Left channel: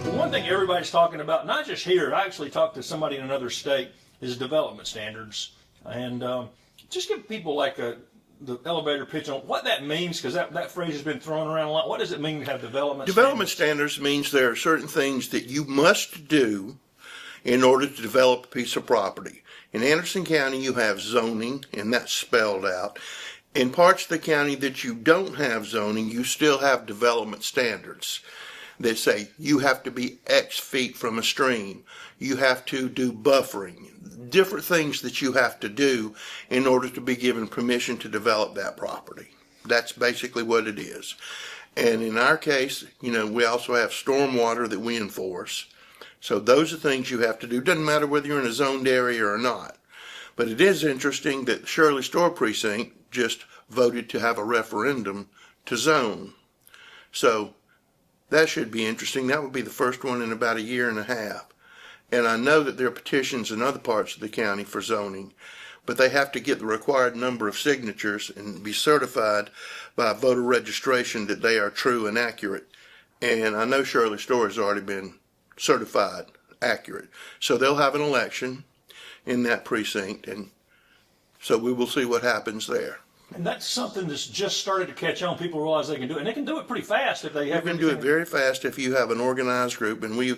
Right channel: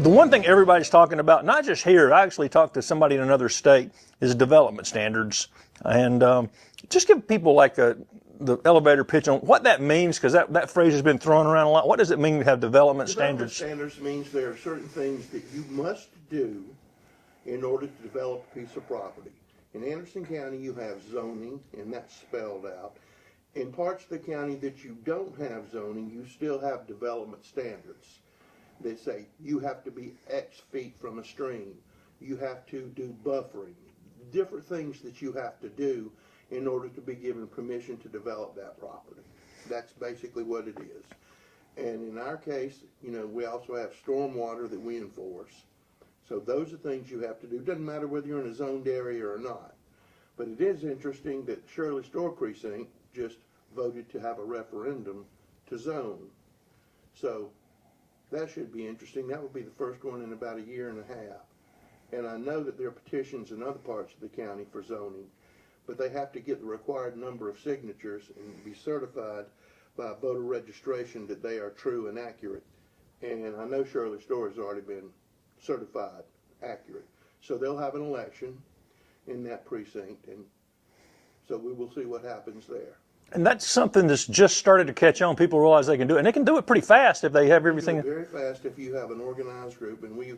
The one thing everybody's talking about, not just here, I actually talked to somebody in another state, is development standards. And just give people like the elevator pitch on what that means, because that phrase has been thrown around a lot. What does it mean to have development standards? Development standards means there are certain things that you must do in order to develop a piece of property. In Anderson County, you have zoning, and that's spelled out. In parts of the county that you don't have zoning, you still have development standards. They say you have to be X feet from a stream. You have to do buffering, different things that you have to do in order to be given permission to develop that property. That's basically what it is. And in our case, we also have stormwater that we enforce. So those are things you have to do. Doesn't matter whether you're in a zoned area or not. But it is interesting that Shirley Store Precinct just voted to have a referendum to zone. So that should be interesting. That would be the first one in about a year and a half. And I know that there are petitions in other parts of the county for zoning, but they have to get the required number of signatures and be certified by voter registration that they are true and accurate. And I know Shirley Store has already been certified accurate. So they'll have an election in that precinct, and so we will see what happens there. And that's something that's just started to catch on. People realize they can do it, and they can do it pretty fast if they have everything. You can do it very fast if you have an organized group, and we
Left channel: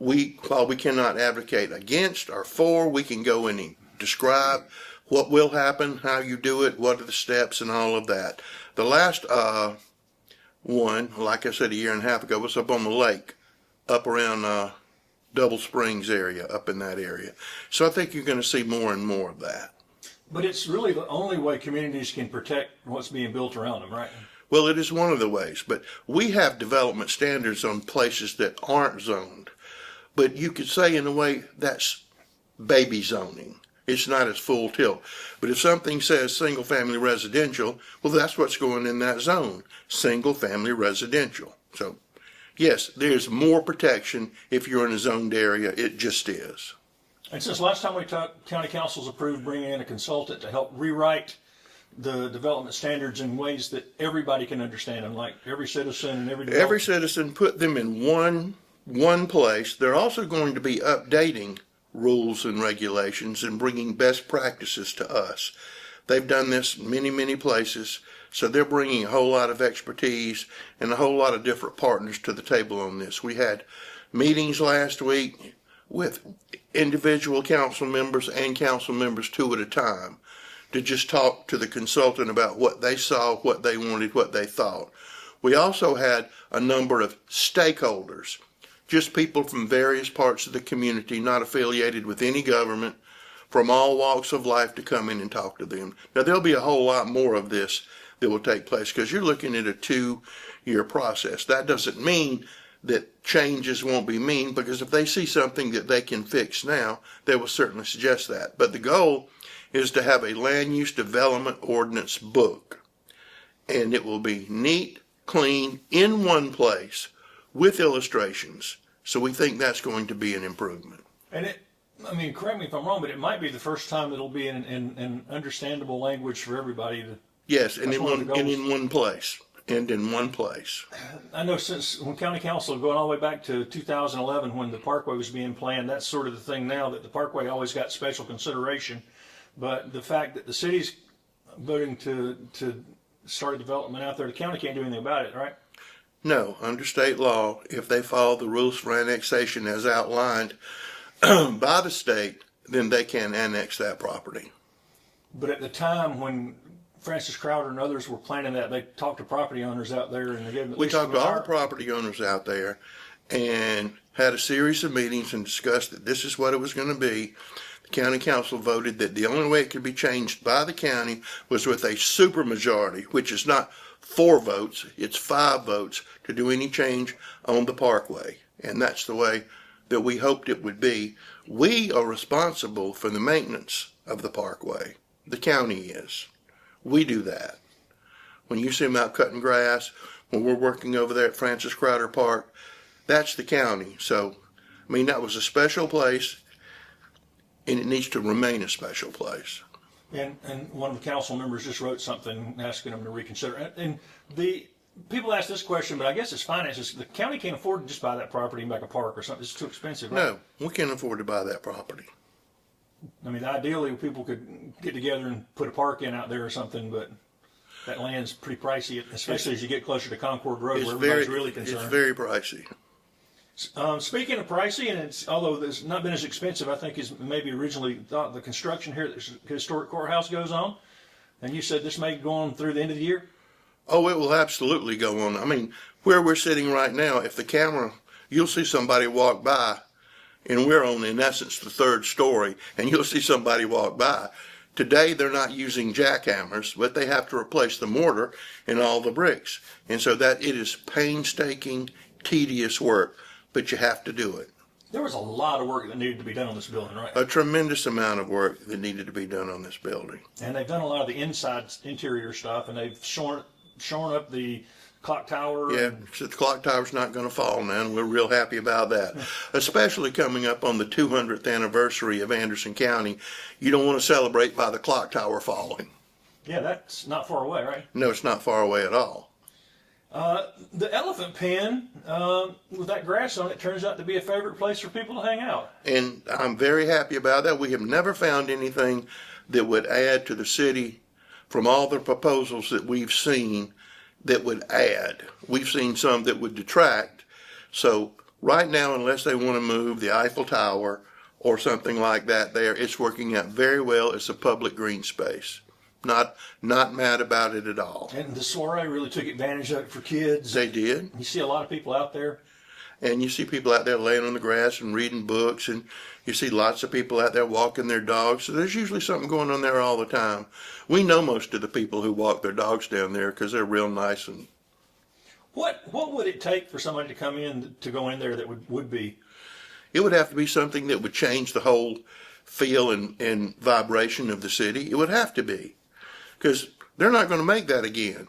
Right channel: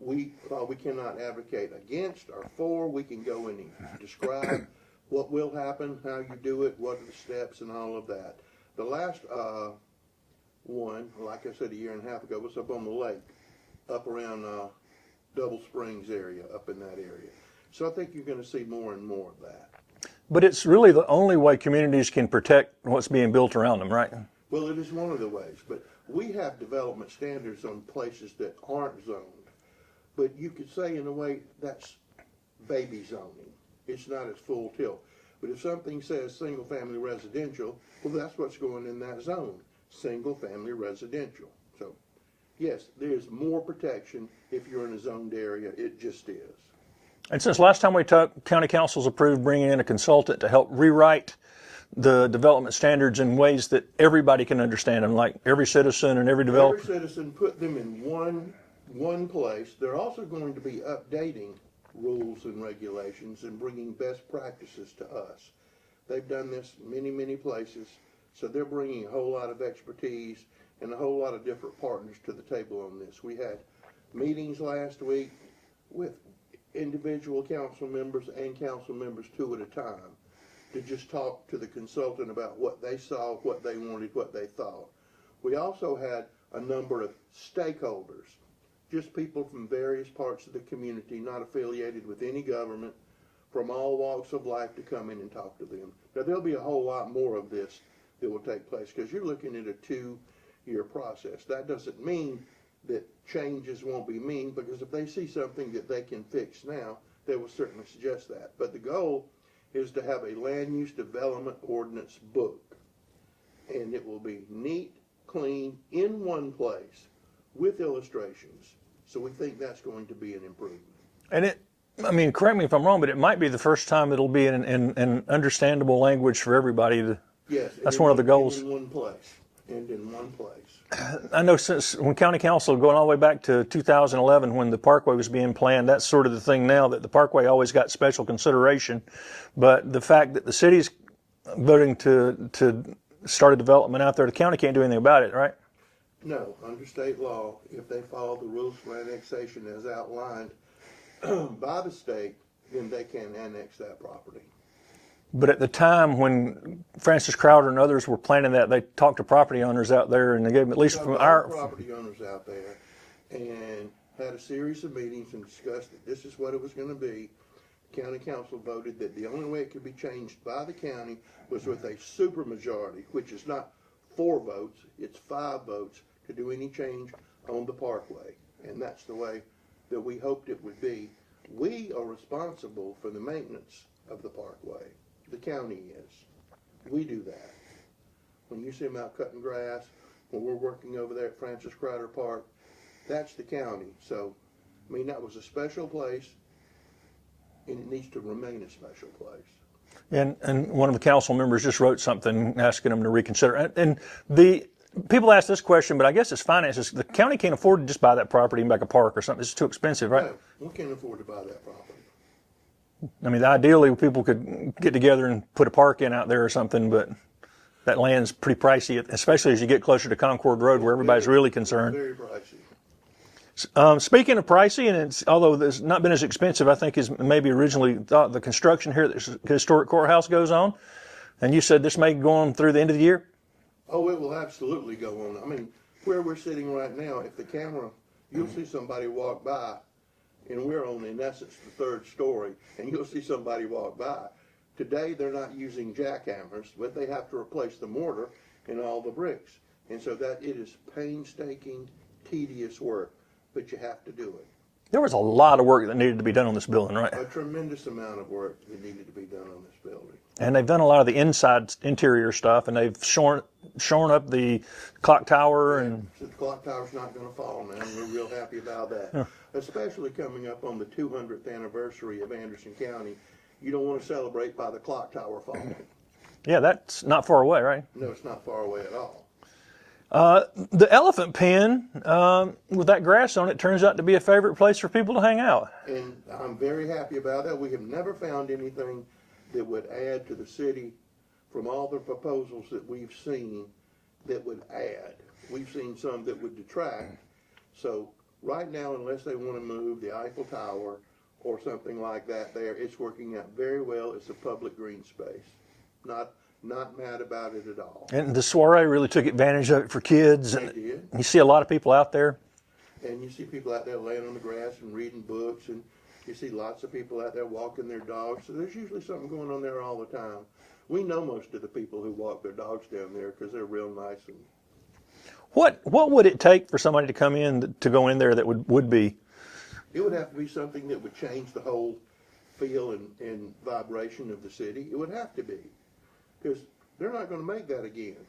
while we cannot advocate against or for, we can go in and describe what will happen, how you do it, what are the steps, and all of that. The last one, like I said a year and a half ago, was up on the lake, up around Double Springs area, up in that area. So I think you're going to see more and more of that. But it's really the only way communities can protect what's being built around them, right? Well, it is one of the ways, but we have development standards on places that aren't zoned. But you could say in a way that's baby zoning. It's not as full tilt. But if something says single family residential, well, that's what's going in that zone, single family residential. So yes, there's more protection if you're in a zoned area. It just is. And since last time we talked, county council's approved bringing in a consultant to help rewrite the development standards in ways that everybody can understand, and like every citizen and every developer. Every citizen, put them in one place. They're also going to be updating rules and regulations and bringing best practices to us. They've done this many, many places, so they're bringing a whole lot of expertise and a whole lot of different partners to the table on this. We had meetings last week with individual council members and council members 2 at a time to just talk to the consultant about what they saw, what they wanted, what they thought. We also had a number of stakeholders, just people from various parts of the community, not affiliated with any government, from all walks of life, to come in and talk to them. Now, there'll be a whole lot more of this that will take place because you're looking at a 2-year process. That doesn't mean that changes won't be made, because if they see something that they can fix now, they will certainly suggest that. But the goal is to have a land use development ordinance book, and it will be neat, clean, in one place with illustrations. So we think that's going to be an improvement. And correct me if I'm wrong, but it might be the first time it'll be in understandable language for everybody. Yes, that's one of the goals. And in one place. And in one place. I know since when county council, going all the way back to 2011 when the Parkway was being planned, that's sort of the thing now, that the Parkway always got special consideration. But the fact that the city's voting to start a development out there, the county can't do anything about it, right? No, under state law, if they follow the rules for annexation as outlined by the state, then they can annex that property. But at the time when Francis Crowder and others were planning that, they talked to property owners out there, and they gave them at least talked to our property owners out there and had a series of meetings and discussed that this is what it was going to be. The county council voted that the only way it could be changed by the county was with a supermajority, which is not 4 votes, it's 5 votes to do any change on the Parkway. And that's the way that we hoped it would be. We are responsible for the maintenance of the parkway. The county is. We do that. When you see them out cutting grass, when we're working over there at Francis Crowder Park, that's the county. So, I mean, that was a special place, and it needs to remain a special place. And one of the council members just wrote something asking them to reconsider. And the people ask this question, but I guess it's finances. The county can't afford to just buy that property and make a park or something. It's too expensive, right? No, we can't afford to buy that property. I mean, ideally, people could get together and put a park in out there or something, but that land's pretty pricey, especially as you get closer to Concord Road, where everybody's really concerned. It's very pricey. Speaking of pricey, and although it's not been as expensive, I think, as maybe originally thought, the construction here at the historic courthouse goes on, and you said this may go on through the end of the year? Oh, it will absolutely go on. I mean, where we're sitting right now, if the camera, you'll see somebody walk by, and we're on, in essence, the third story, and you'll see somebody walk by. Today, they're not using jackhammers, but they have to replace the mortar and all the bricks. And so that it is painstaking, tedious work, but you have to do it. There was a lot of work that needed to be done on this building, right? A tremendous amount of work that needed to be done on this building. And they've done a lot of the interior stuff, and they've shorn up the clock tower. Yeah, And so the clock tower's not going to fall now, and we're real happy about that. Especially coming up on the 200th anniversary of Anderson County. You don't want to celebrate by the clock tower falling. yeah, that's not far away, right? No, it's not far away at all. The elephant pen with that grass on it turns out to be a favorite place for people to hang out. And I'm very happy about that. We have never found anything that would add to the city from all the proposals that we've seen that would add. We've seen some that would detract. So right now, unless they want to move the Eiffel Tower or something like that there, it's working out very well. It's a public green space. Not mad about it at all. And the soiree really took advantage of it for kids. They did. You see a lot of people out there. And you see people out there laying on the grass and reading books, and you see lots of people out there walking their dogs. So there's usually something going on there all the time. We know most of the people who walk their dogs down there because they're real nice. And What would it take for somebody to come in to go in there that would be? it would have to be something that would change the whole feel and vibration of the city. It would have to be, because they're not going to make that again.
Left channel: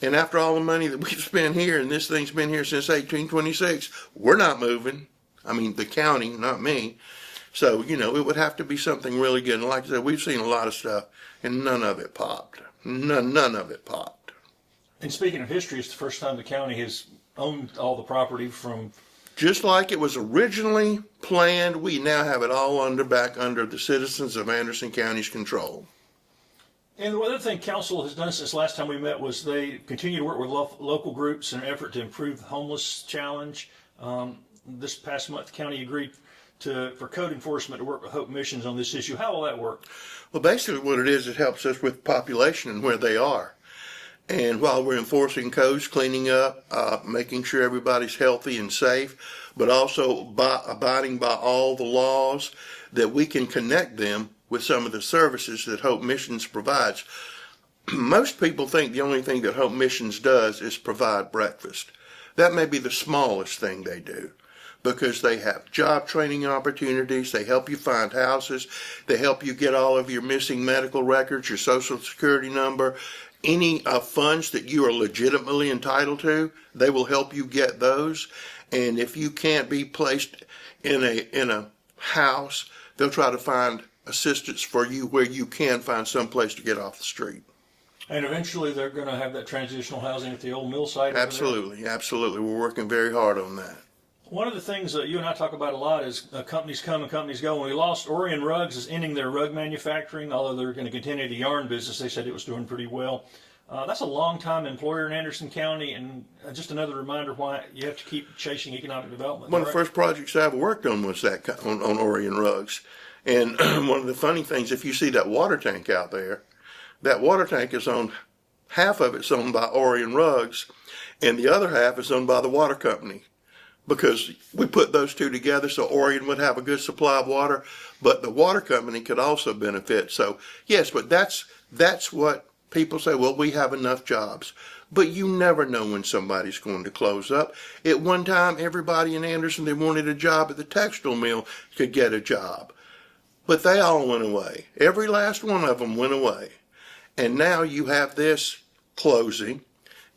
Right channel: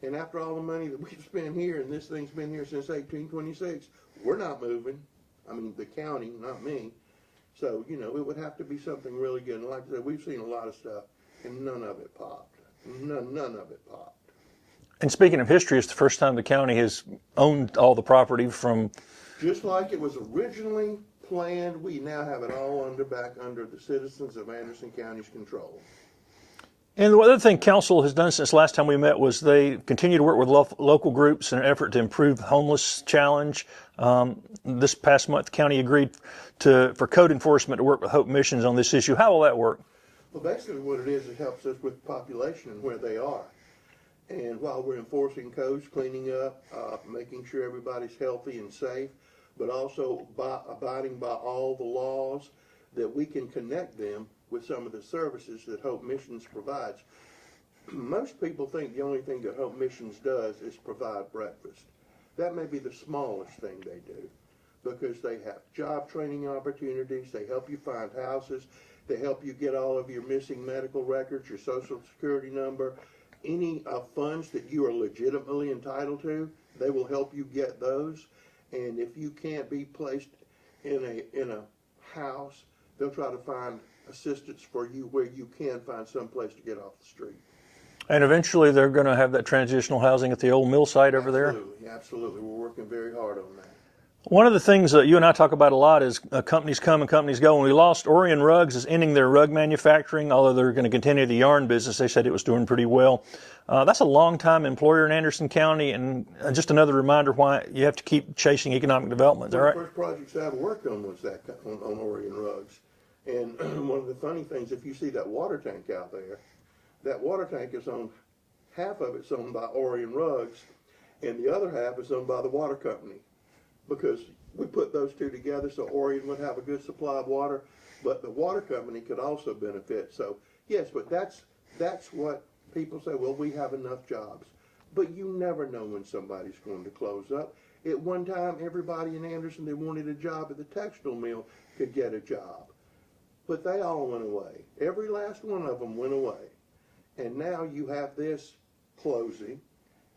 And after all the money that we've spent here, and this thing's been here since 1826, we're not moving. I mean, the county, not me. So, it would have to be something really good. And like I said, we've seen a lot of stuff, and none of it popped. None of it popped. And speaking of history, it's the first time the county has owned all the property from. Just like it was originally planned, we now have it all back under the citizens of Anderson County's control. And the other thing council has done since last time we met was they continue to work with local groups in an effort to improve the homeless challenge. This past month, the county agreed for code enforcement to work with Hope Missions on this issue. How will that work? Well, basically what it is, it helps us with population and where they are. And while we're enforcing codes, cleaning up, making sure everybody's healthy and safe, but also abiding by all the laws, that we can connect them with some of the services that Hope Missions provides. Most people think the only thing that Hope Missions does is provide breakfast. That may be the smallest thing they do, because they have job training opportunities, they help you find houses, they help you get all of your missing medical records, your social security number, any funds that you are legitimately entitled to, they will help you get those. And if you can't be placed in a house, they'll try to find assistance for you where you can find some place to get off the street. And eventually they're going to have that transitional housing at the old mill site over there? Absolutely. We're working very hard on that. One of the things that you and I talk about a lot is companies come and companies go. And we lost Orion Rugs is ending their rug manufacturing, although they're going to continue the yarn business. They said it was doing pretty well. That's a long-time employer in Anderson County, and just another reminder why you have to keep chasing economic development. One of the first projects I ever worked on was that on Orion Rugs. And one of the funny things, if you see that water tank out there, that water tank is owned, half of it's owned by Orion Rugs, and the other half is owned by the water company. Because we put those two together so Orion would have a good supply of water, but the water company could also benefit. So, yes, but that's what people say, well, we have enough jobs. But you never know when somebody's going to close up. At one time, everybody in Anderson that wanted a job at the textile mill could get a job. But they all went away. Every last one of them went away. And now you have this closing,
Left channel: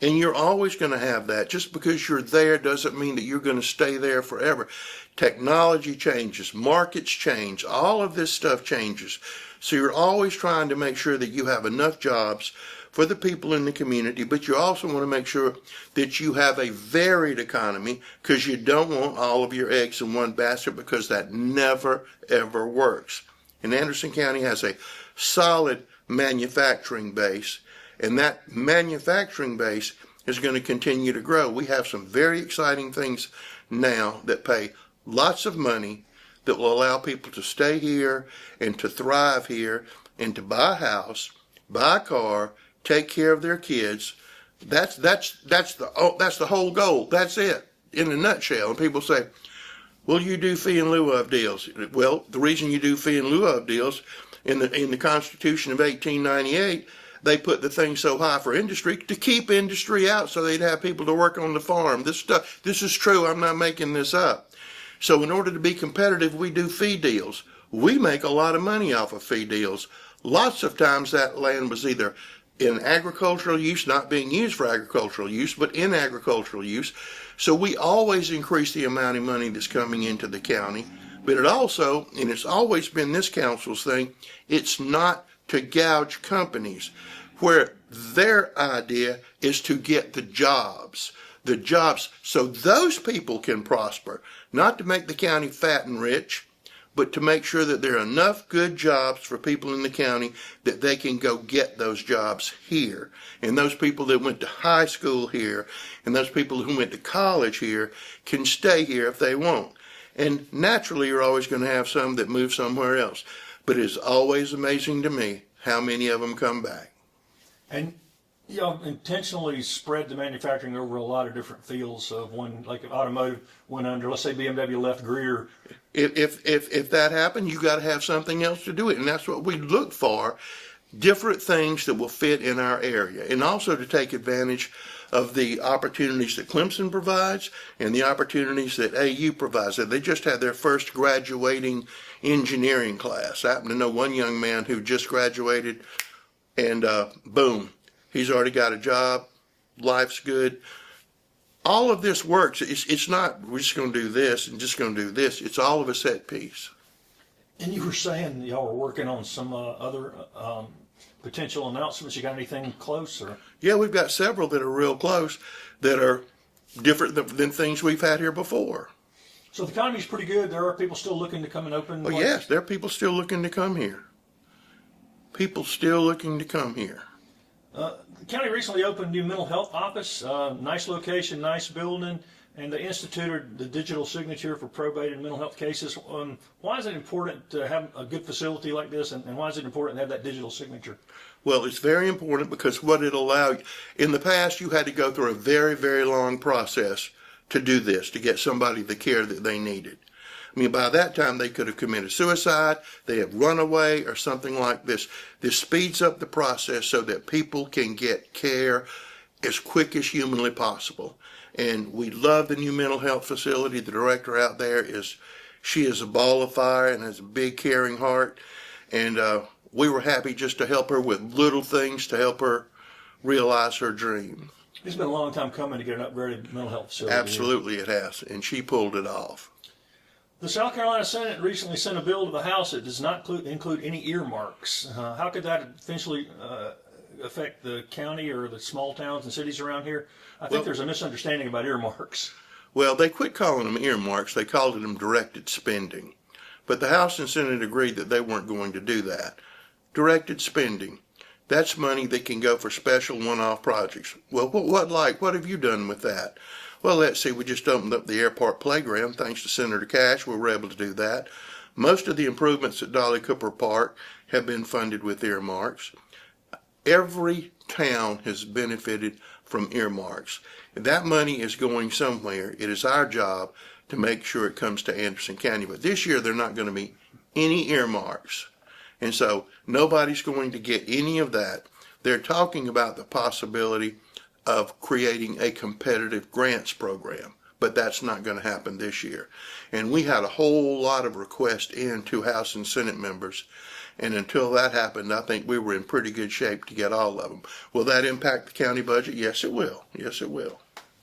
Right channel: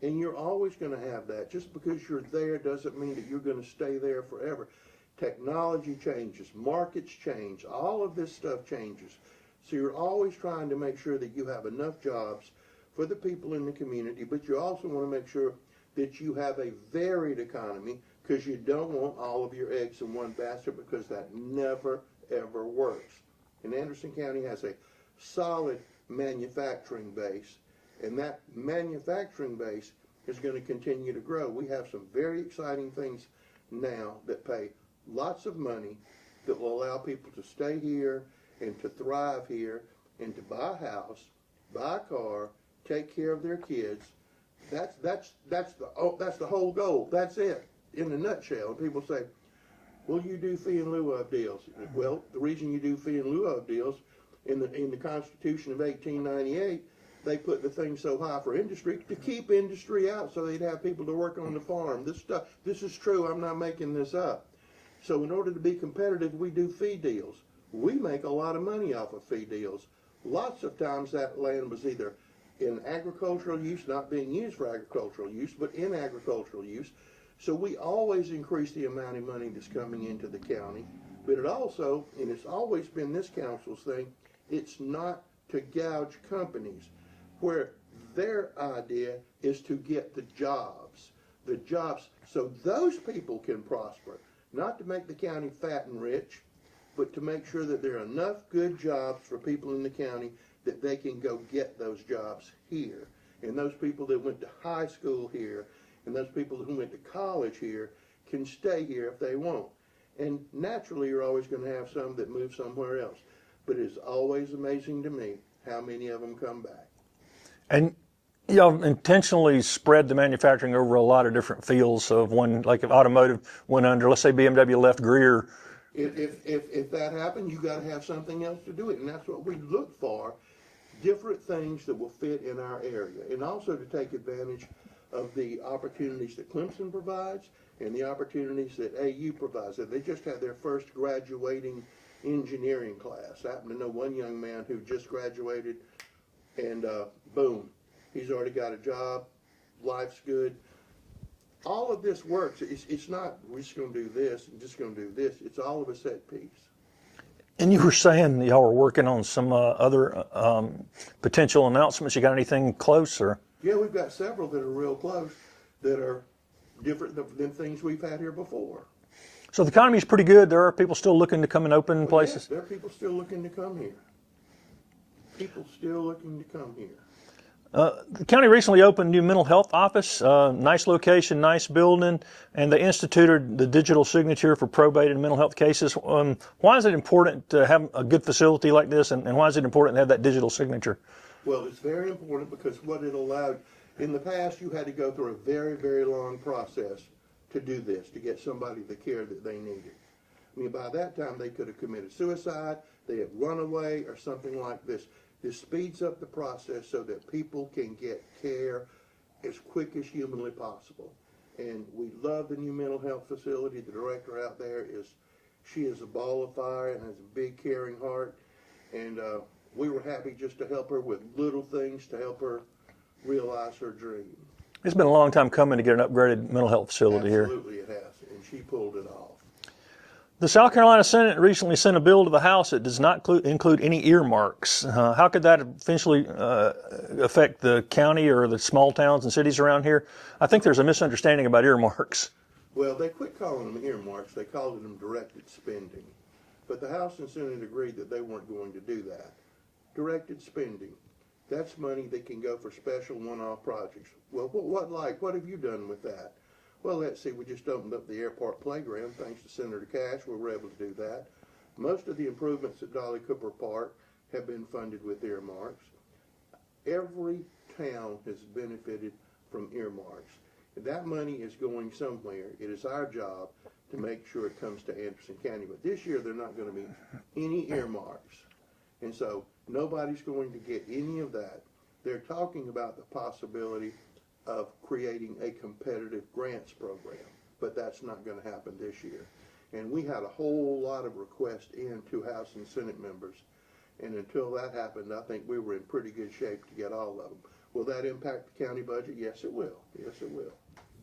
and you're always going to have that. Just because you're there doesn't mean that you're going to stay there forever. Technology changes, markets change, all of this stuff changes. So you're always trying to make sure that you have enough jobs for the people in the community, but you also want to make sure that you have a varied economy, because you don't want all of your eggs in one basket, because that never, ever works. And Anderson County has a solid manufacturing base, and that manufacturing base is going to continue to grow. We have some very exciting things now that pay lots of money, that will allow people to stay here and to thrive here and to buy a house, buy a car, take care of their kids. That's the whole goal. That's it in a nutshell. And people say, well, you do fee in lieu of deals. Well, the reason you do fee in lieu of deals, in the Constitution of 1898, they put the thing so high for industry to keep industry out, so they'd have people to work on the farm. This is true. I'm not making this up. So in order to be competitive, we do fee deals. We make a lot of money off of fee deals. Lots of times that land was either in agricultural use, not being used for agricultural use, but in agricultural use. So we always increase the amount of money that's coming into the county. But it also, and it's always been this council's thing, it's not to gouge companies, where their idea is to get the jobs so those people can prosper, not to make the county fat and rich, but to make sure that there are enough good jobs for people in the county that they can go get those jobs here. And those people that went to high school here and those people who went to college here can stay here if they want. And naturally, you're always going to have some that move somewhere else. But it's always amazing to me how many of them come back. And y'all intentionally spread the manufacturing over a lot of different fields. Of one, like if automotive went under, let's say BMW left Greer. If that happened, you got to have something else to do it, and that's what we look for: different things that will fit in our area, and also to take advantage of the opportunities that Clemson provides and the opportunities that AU provides. They just had their first graduating engineering class. I happen to know one young man who just graduated, and boom, he's already got a job. Life's good. All of this works. It's not we're just going to do this and just going to do this. It's all of a set piece. And you were saying y'all were working on some other potential announcements. You got anything close? Or? Yeah, we've got several that are real close, that are different than things we've had here before. So the economy's pretty good. There are people still looking to come and open places? Yes, there are people still looking to come here. People still looking to come here. The county recently opened a new mental health office, nice location, nice building, and they instituted the digital signature for probate and mental health cases. Why is it important to have a good facility like this, and why is it important to have that digital signature? Well, it's very important because what it allowed, in the past you had to go through a very, very long process to do this, to get somebody the care that they needed. I mean, by that time, they could have committed suicide, they have run away, or something like this. This speeds up the process so that people can get care as quick as humanly possible. And we love the new mental health facility. The director out there she is a ball of fire and has a big, caring heart. And we were happy just to help her with little things to help her realize her dream. It's been a long time coming to get an upgraded mental health facility. Absolutely, it has. And she pulled it off. The South Carolina Senate recently sent a bill to the House that does not include any earmarks. How could that eventually affect the county or the small towns and cities around here? I think there's a misunderstanding about earmarks. Well, they quit calling them earmarks. They called them directed spending. But the House and Senate agreed that they weren't going to do that. Directed spending. That's money that can go for special one-off projects. Well, what have you done with that? Well, let's see, we just opened up the airport playground. Thanks to Senator Cash, we were able to do that. Most of the improvements at Dolly Cooper Park have been funded with earmarks. Every town has benefited from earmarks. That money is going somewhere. It is our job to make sure it comes to Anderson County. But this year, there are not going to be any earmarks. And so nobody's going to get any of that. They're talking about the possibility of creating a competitive grants program, but that's not going to happen this year. And we had a whole lot of requests in to House and Senate members. And until that happened, I think we were in pretty good shape to get all of them. Will that impact the county budget? Yes, it will. Yes, it will.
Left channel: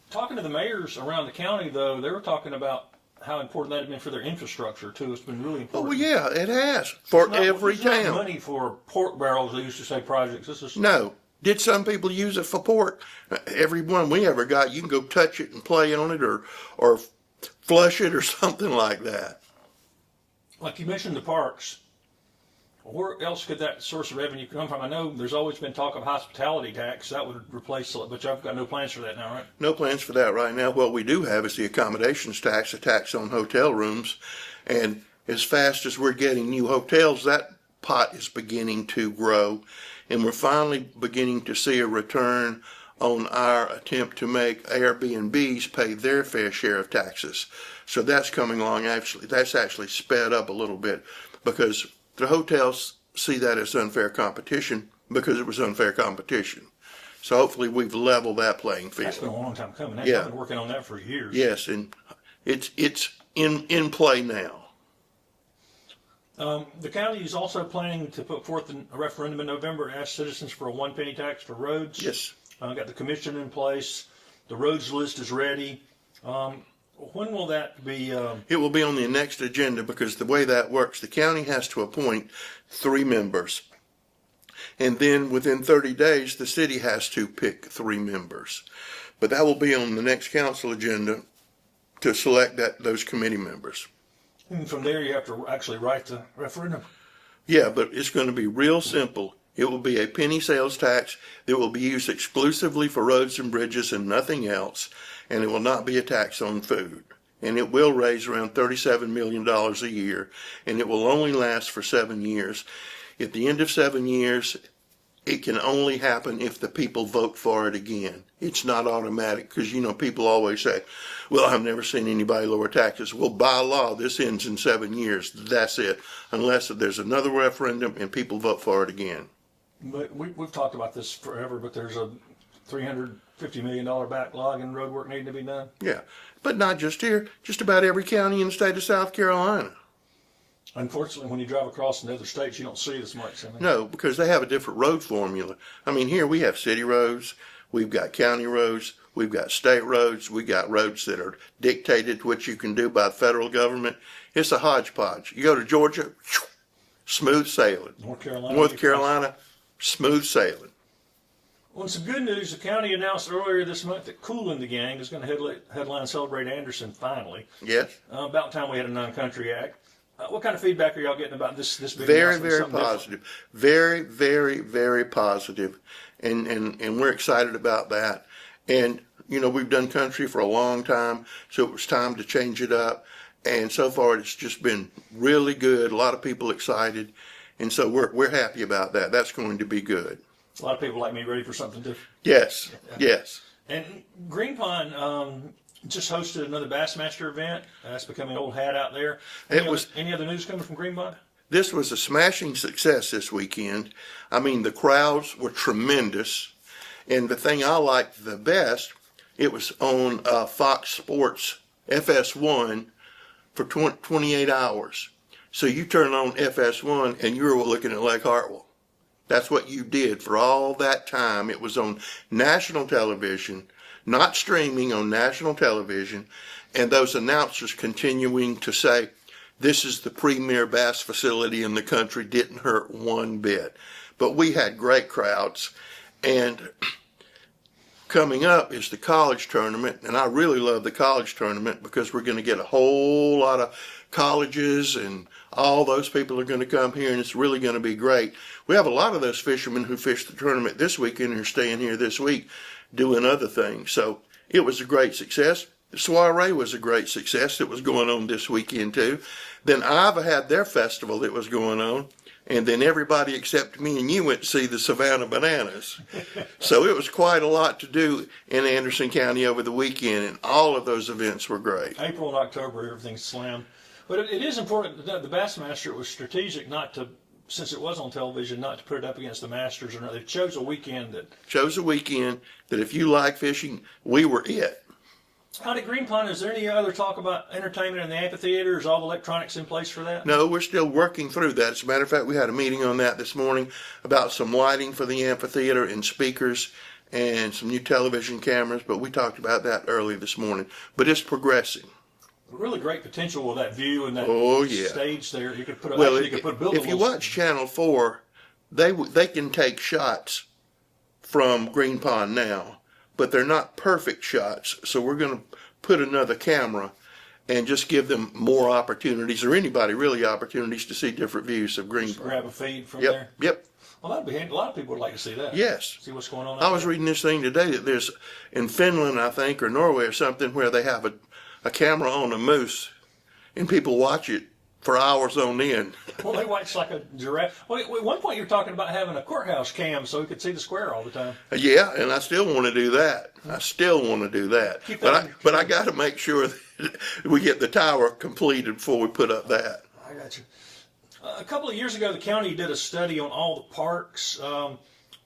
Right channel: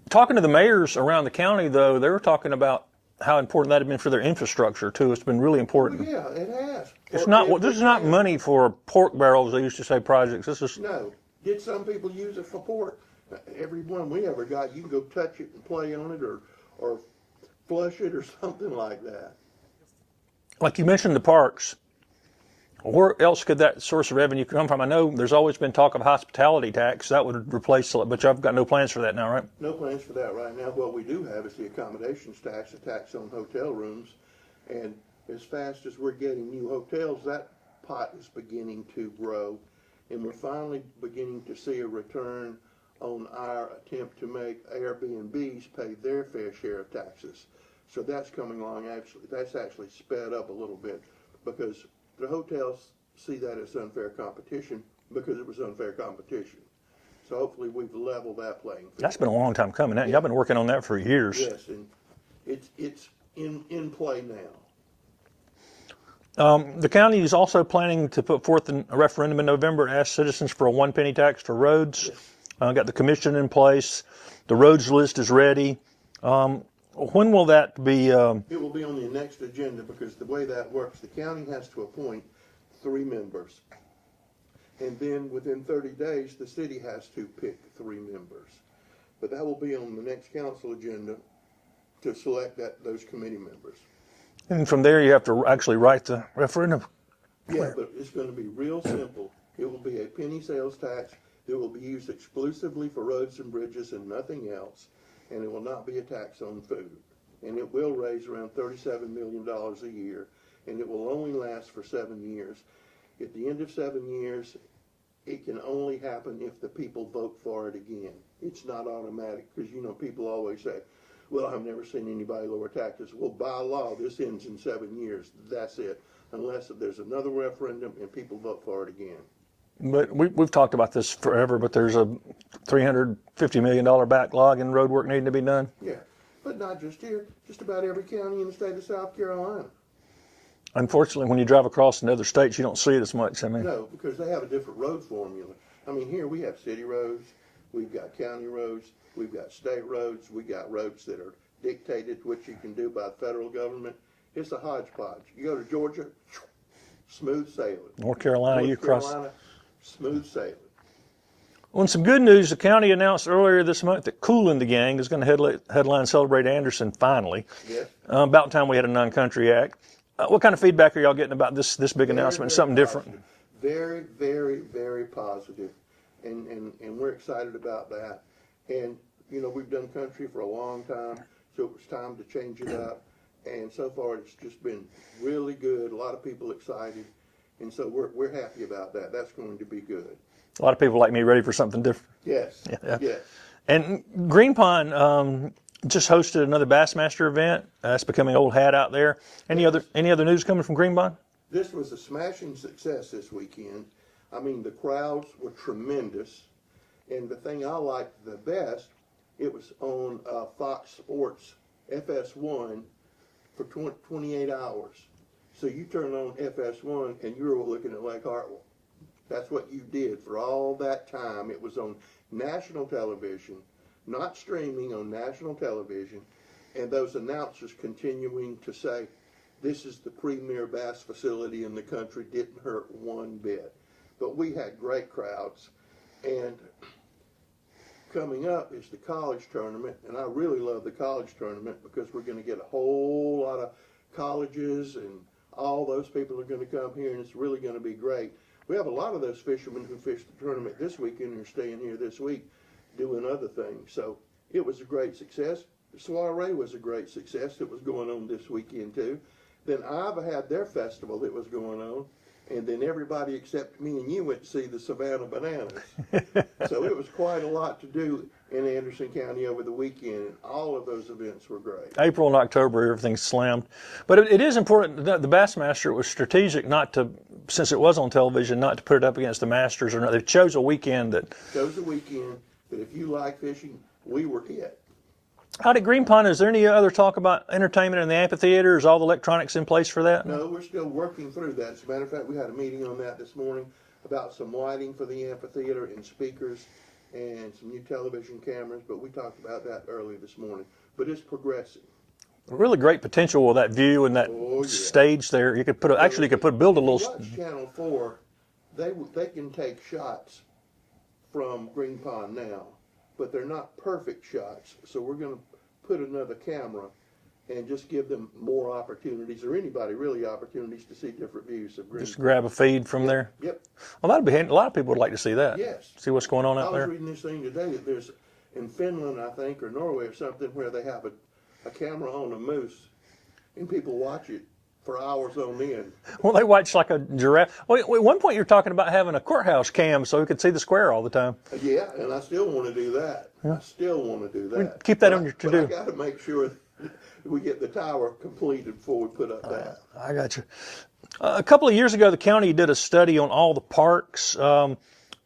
Talking to the mayors around the county, though, they were talking about how important that had been for their infrastructure, too. It's been really important. Oh, yeah, it has. This is not money for pork barrels, they used to say, projects. This is... No. Did some people use it for pork? Every one we ever got, you can go touch it and play on it or flush it or something like that. Like you mentioned the parks. Where else could that source of revenue come from? I know there's always been talk of hospitality tax. That would replace it, but I've got no plans for that now, right? No plans for that right now. What we do have is the accommodations tax, a tax on hotel rooms. And as fast as we're getting new hotels, that pot is beginning to grow. And we're finally beginning to see a return on our attempt to make Airbnbs pay their fair share of taxes. So that's coming along. Actually, that's actually sped up a little bit because the hotels see that as unfair competition because it was unfair competition. So hopefully we've leveled that playing field. That's been a long time coming. Yeah. I've been working on that for years. Yes, and it's in play now. The county is also planning to put forth a referendum in November to ask citizens for a 1 penny tax for roads. Yes. Got the commission in place. The roads list is ready. When will that be? It will be on the next agenda because the way that works, the county has to appoint 3 members. And then within 30 days, the city has to pick 3 members. But that will be on the next council agenda to select those committee members. And from there, you have to actually write the referendum. Yeah, but it's going to be real simple. It will be a penny sales tax that will be used exclusively for roads and bridges and nothing else. And it will not be a tax on food. And it will raise around $37 million a year. And it will only last for 7 years. At the end of 7 years, it can only happen if the people vote for it again. It's not automatic because, people always say, well, I've never seen anybody lower taxes. Well, by law, this ends in 7 years. That's it. Unless there's another referendum and people vote for it again. But we've talked about this forever, but there's a $350 million backlog in road work needing to be done. Yeah, but not just here, just about every county in the state of South Carolina. Unfortunately, when you drive across in other states, you don't see it as much. No, because they have a different road formula. Here we have city roads, we've got county roads, we've got state roads, we got roads that are dictated what you can do by the federal government. It's a hodgepodge. You go to Georgia, smooth sailing. North Carolina, smooth sailing. Well, some good news, the county announced earlier this month that Kool and the Gang is going to headline Celebrate Anderson finally. Yes. About time we had a non-country act. What kind of feedback are y'all getting about this big announcement? Something positive. different? Very, very, very positive. And we're excited about that. And, we've done country for a long time, so it was time to change it up. And so far, it's just been really good. A lot of people excited. And so we're happy about that. That's going to be good. A lot of people like me ready for something different. Yes, Yeah. yes. And Green Pond just hosted another Bassmaster event. It's becoming old hat out there. Any other news coming from Green Pond? This was a smashing success this weekend. The crowds were tremendous. And the thing I liked the best, it was on Fox Sports FS1 for 28 hours. So you turn on FS1 and you're looking at Lake Hartwell. That's what you did for all that time. It was on national television, not streaming, on national television. And those announcers continuing to say, this is the premier bass facility in the country, didn't hurt one bit. But we had great crowds. And coming up is the college tournament. And I really love the college tournament because we're going to get a whole lot of colleges and all those people are going to come here, and it's really going to be great. We have a lot of those fishermen who fished the tournament this weekend and are staying here this week doing other things. So it was a great success. The soiree was a great success that was going on this weekend too. Then Ava had their festival that was going on, and then everybody except me and you went to see the Savannah Bananas. So it was quite a lot to do in Anderson County over the weekend, and all of those events were great. April and October, everything's slammed. But it is important that the Bassmaster was strategic not to, since it was on television, not to put it up against the Masters or not. They chose a weekend that... Chose a weekend that if you like fishing, we were it. Out at Green Pond, is there any other talk about entertainment in the amphitheater? Is all the electronics in place for that? No, we're still working through that. As a matter of fact, we had a meeting on that this morning about some lighting for the amphitheater and speakers and some new television cameras, but we talked about that early this morning. But it's progressing. Really great potential with that view and that stage there. You could put build a little. If you watch Channel 4, they can take shots from Green Pond now, but they're not perfect shots. So we're going to put another camera and just give them more opportunities, or anybody really opportunities to see different views of Green Pond. Grab a feed from there. Yep. Well, that'd be handy. A lot of people would like to see that. Yes. See what's going on out there. I was reading this thing today that there's in Finland, I think, or Norway or something, where they have a camera on a moose, and people watch it for hours on end. Well, they watch like a giraffe. Well, at one point, you're talking about having a courthouse cam so we could see the square all the time. Yeah, and I still want to do that. I still want to do that. Keep that in your But I got to make sure that we get the tower completed before we put up that. I got you. A couple of years ago, the county did a study on all the parks.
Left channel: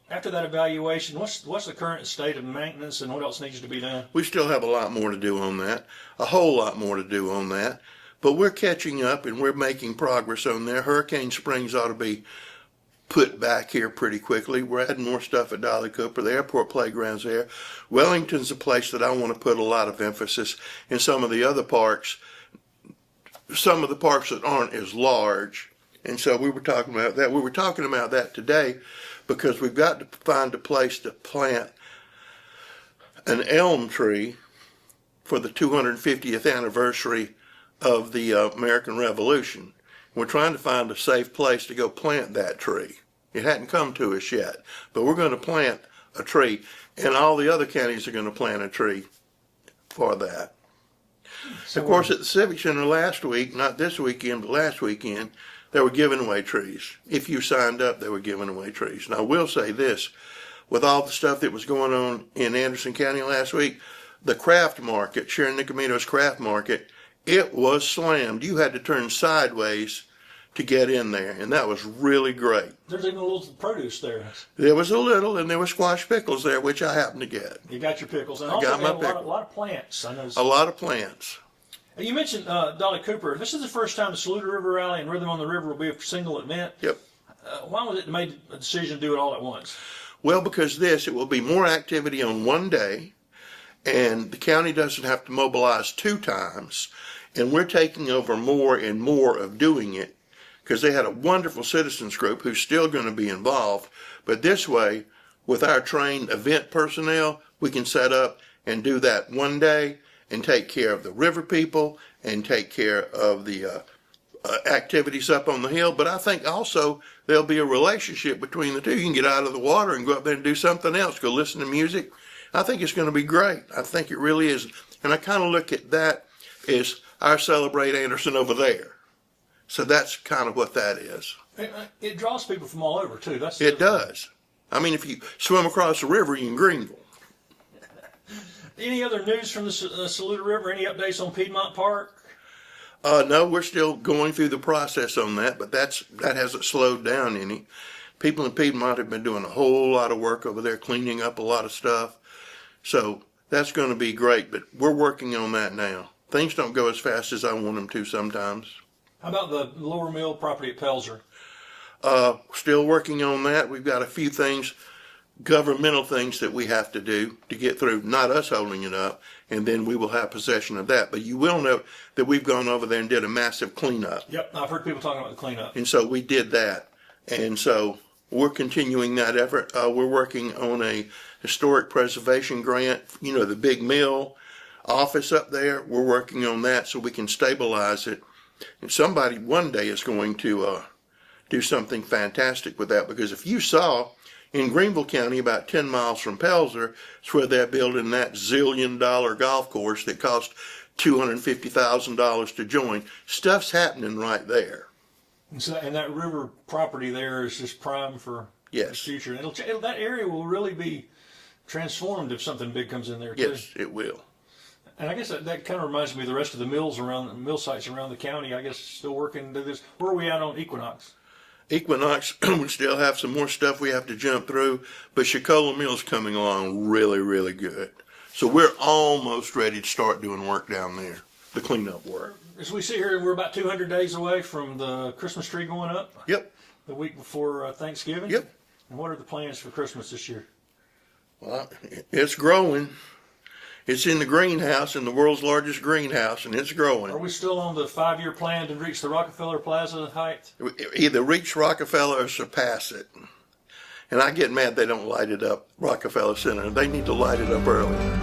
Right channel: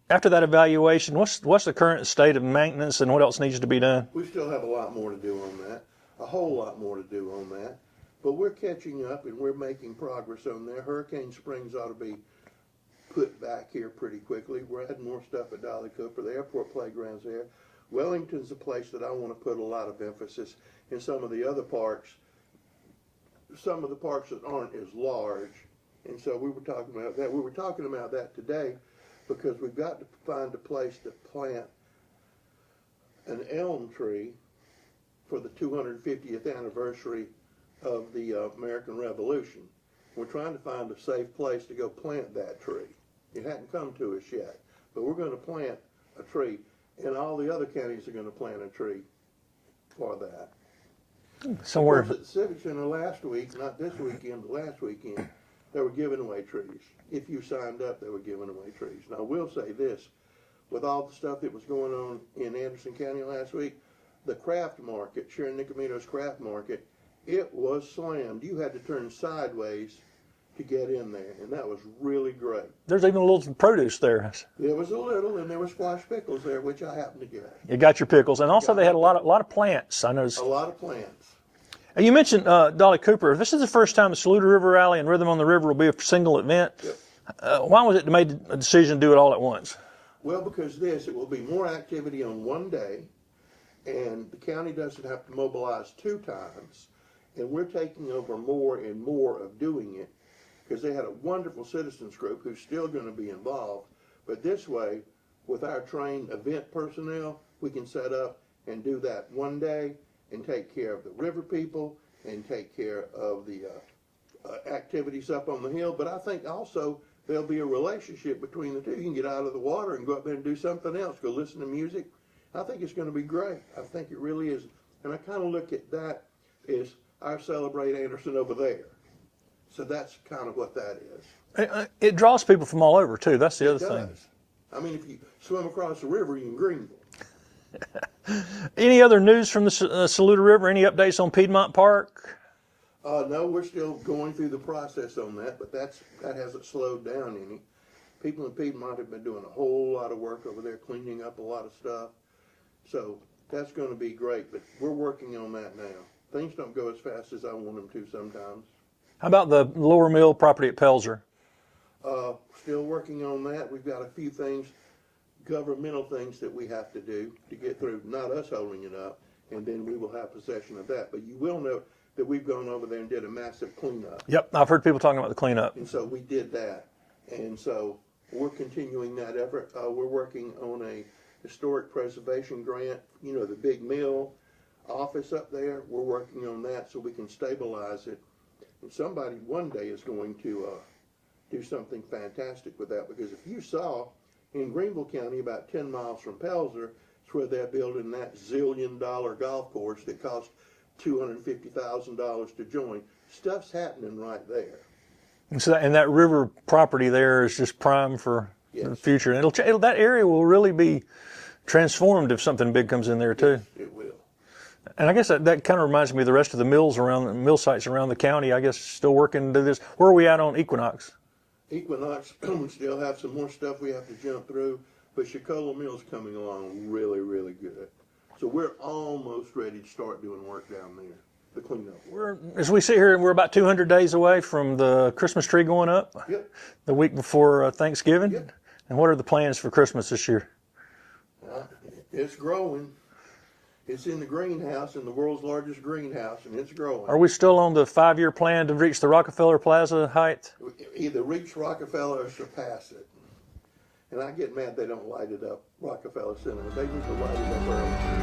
After that evaluation, what's the current state of maintenance and what else needs to be done? We still have a lot more to do on that, a whole lot more to do on that. But we're catching up and we're making progress on there. Hurricane Springs ought to be put back here pretty quickly. We're adding more stuff at Dolly Cooper. The airport playground's there. Wellington's a place that I want to put a lot of emphasis in. Some of the other parks, some of the parks that aren't as large. And so we were talking about that. We were talking about that today because we've got to find a place to plant an elm tree for the 250th anniversary of the American Revolution. We're trying to find a safe place to go plant that tree. It hadn't come to us yet, but we're going to plant a tree, and all the other counties are going to plant a tree for that. So of course, at the Civic Center last week, not this weekend, but last weekend, they were giving away trees. If you signed up, they were giving away trees. And I will say this, with all the stuff that was going on in Anderson County last week, the craft market, Sharon Nicomito's craft market, it was slammed. You had to turn sideways to get in there, and that was really great. There's even a little produce there. There was a little, and there were squash pickles there, which I happened to get. You got your pickles, and also they had a lot of plants. I noticed. A lot of plants. And you mentioned Dolly Cooper. This is the first time the Saluda River Rally and Rhythm on the River will be a single event. Yep. Why was it made a decision to do it all at once? Well, because it will be more activity on one day, and the county doesn't have to mobilize 2 times. And we're taking over more and more of doing it because they had a wonderful citizens group who's still going to be involved. But this way, with our trained event personnel, we can set up and do that one day and take care of the river people and take care of the activities up on the hill. But I think also there'll be a relationship between the two. You can get out of the water and go up there and do something else, go listen to music. I think it's going to be great. I think it really is. And I kind of look at that as our Celebrate Anderson over there. So that's kind of what that is. It draws people from all over, too. That's the It does. I mean, if you swim across the river, you're in Greenville. Any other news from the Saluda River? Any updates on Piedmont Park? No, we're still going through the process on that, but that hasn't slowed down any. People in Piedmont have been doing a whole lot of work over there, cleaning up a lot of stuff. So that's going to be great, but we're working on that now. Things don't go as fast as I want them to sometimes. How about the Lower Mill property at Pelzer? Still working on that. We've got a few things, governmental things that we have to do to get through, not us holding it up, and then we will have possession of that. But you will know that we've gone over there and did a massive cleanup. Yep, I've heard people talking about the cleanup. And so we did that. And so we're continuing that effort. We're working on a historic preservation grant, the big mill office up there. We're working on that so we can stabilize it. And somebody one day is going to do something fantastic with that, because if you saw in Greenville County, about 10 miles from Pelzer, it's where they're building that zillion-dollar golf course that cost $250,000 to join. Stuff's happening right there. And that river property there is just prime for the future. And that area will really be transformed if something big comes in there too. Yes, it will. And I guess that kind of reminds me of the rest of the mill sites around the county. I guess still working to this. Where are we at on Equinox? Equinox, we still have some more stuff we have to jump through, but Chicola Mill's coming along really, really good. So we're almost ready to start doing work down there, the cleanup work. As we sit here, we're about 200 days away from the Christmas tree going up. Yep. The week before Thanksgiving. Yep. And what are the plans for Christmas this year? Well, it's growing. It's in the greenhouse, in the world's largest greenhouse, and it's growing. Are we still on the 5-year plan to reach the Rockefeller Plaza height? Either reach Rockefeller or surpass it. And I get mad they don't light it up, Rockefeller Center. They need to light it up early.